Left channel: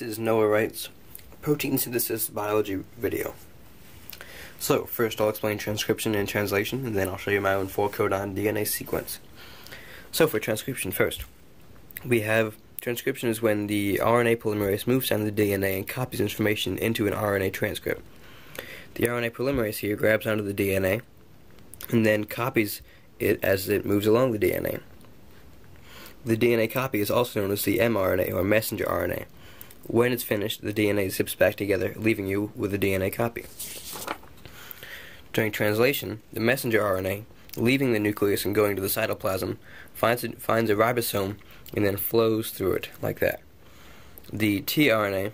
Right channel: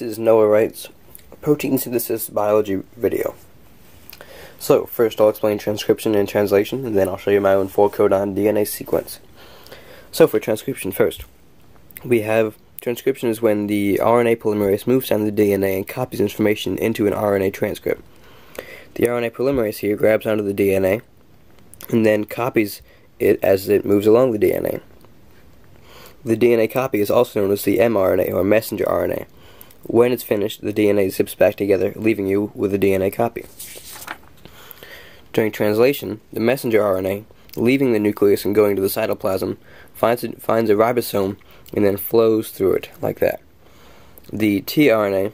This is Noah Wright's protein synthesis biology video. So, first I'll explain transcription and translation, and then I'll show you my own 4-codon DNA sequence. So for transcription first, we have transcription is when the RNA polymerase moves down the DNA and copies information into an RNA transcript. The RNA polymerase here grabs onto the DNA and then copies it as it moves along the DNA. The DNA copy is also known as the mRNA, or messenger RNA. When it's finished, the DNA zips back together, leaving you with a DNA copy. During translation, the messenger RNA, leaving the nucleus and going to the cytoplasm, finds a ribosome and then flows through it, like that. The tRNA,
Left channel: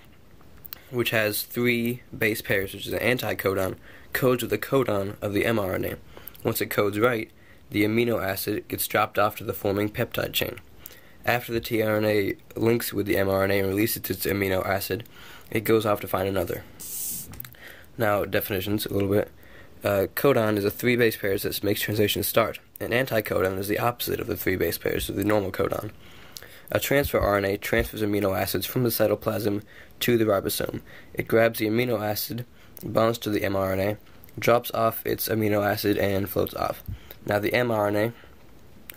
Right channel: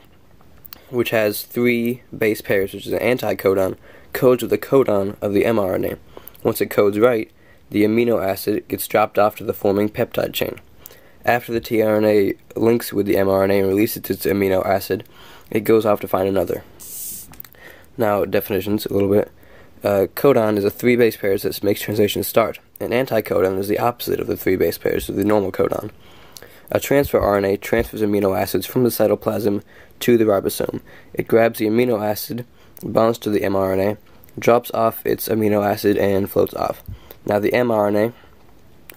which has 3 base pairs, which is an anticodon, codes with the codon of the mRNA. Once it codes right, the amino acid gets dropped off to the forming peptide chain. After the tRNA links with the mRNA and releases its amino acid, it goes off to find another. Now, definitions a little bit. Codon is a 3 base pairs that makes translation start. An anticodon is the opposite of the 3 base pairs of the normal codon. A transfer RNA transfers amino acids from the cytoplasm to the ribosome. It grabs the amino acid, bonds to the mRNA, drops off its amino acid, and floats off. Now the mRNA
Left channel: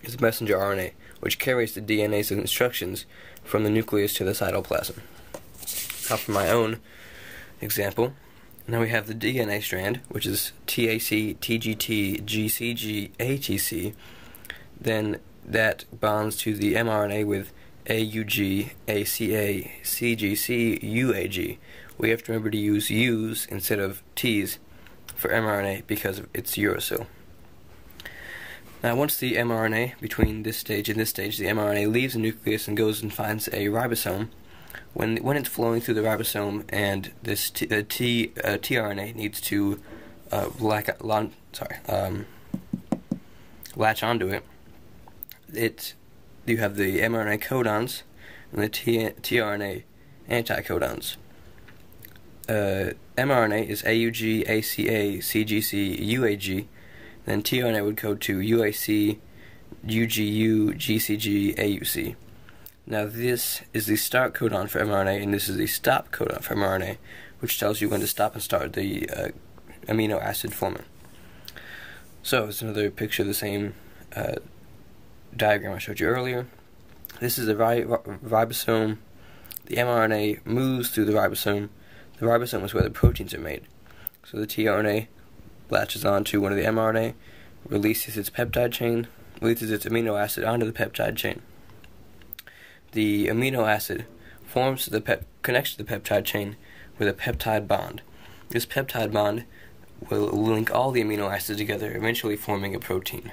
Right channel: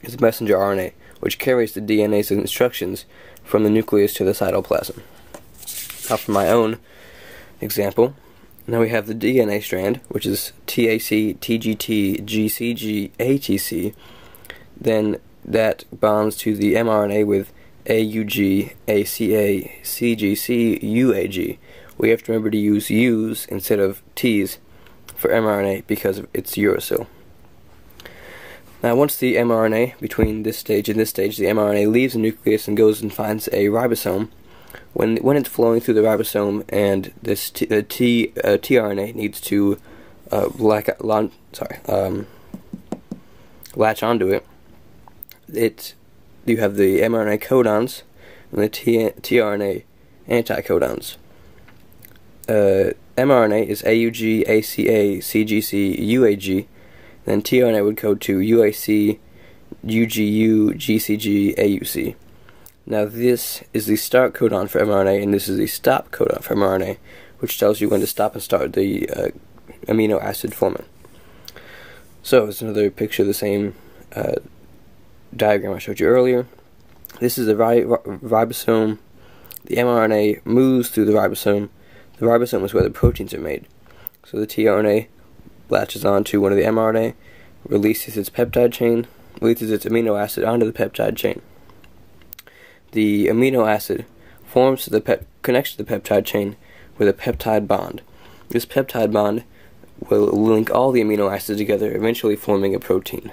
is messenger RNA, which carries the DNA's instructions from the nucleus to the cytoplasm. Now for my own example, now we have the DNA strand, which is TAC, TGT, GCG, ATC. Then that bonds to the mRNA with AUG, ACA, CGC, UAG. We have to remember to use U's instead of T's for mRNA because it's uracil. Now once the mRNA, between this stage and this stage, the mRNA leaves the nucleus and goes and finds a ribosome. When it's flowing through the ribosome and this tRNA needs to latch onto it, you have the mRNA codons and the tRNA anticodons. mRNA is AUG, ACA, CGC, UAG. Then tRNA would code to UAC, UGU, GCG, AUC. Now this is the start codon for mRNA, and this is the stop codon for mRNA, which tells you when to stop and start the amino acid forming. So it's another picture of the same diagram I showed you earlier. This is the ribosome. The mRNA moves through the ribosome. The ribosome is where the proteins are made. So the tRNA latches onto one of the mRNA, releases its peptide chain, releases its amino acid onto the peptide chain. The amino acid connects to the peptide chain with a peptide bond. This peptide bond will link all the amino acids together, eventually forming a protein.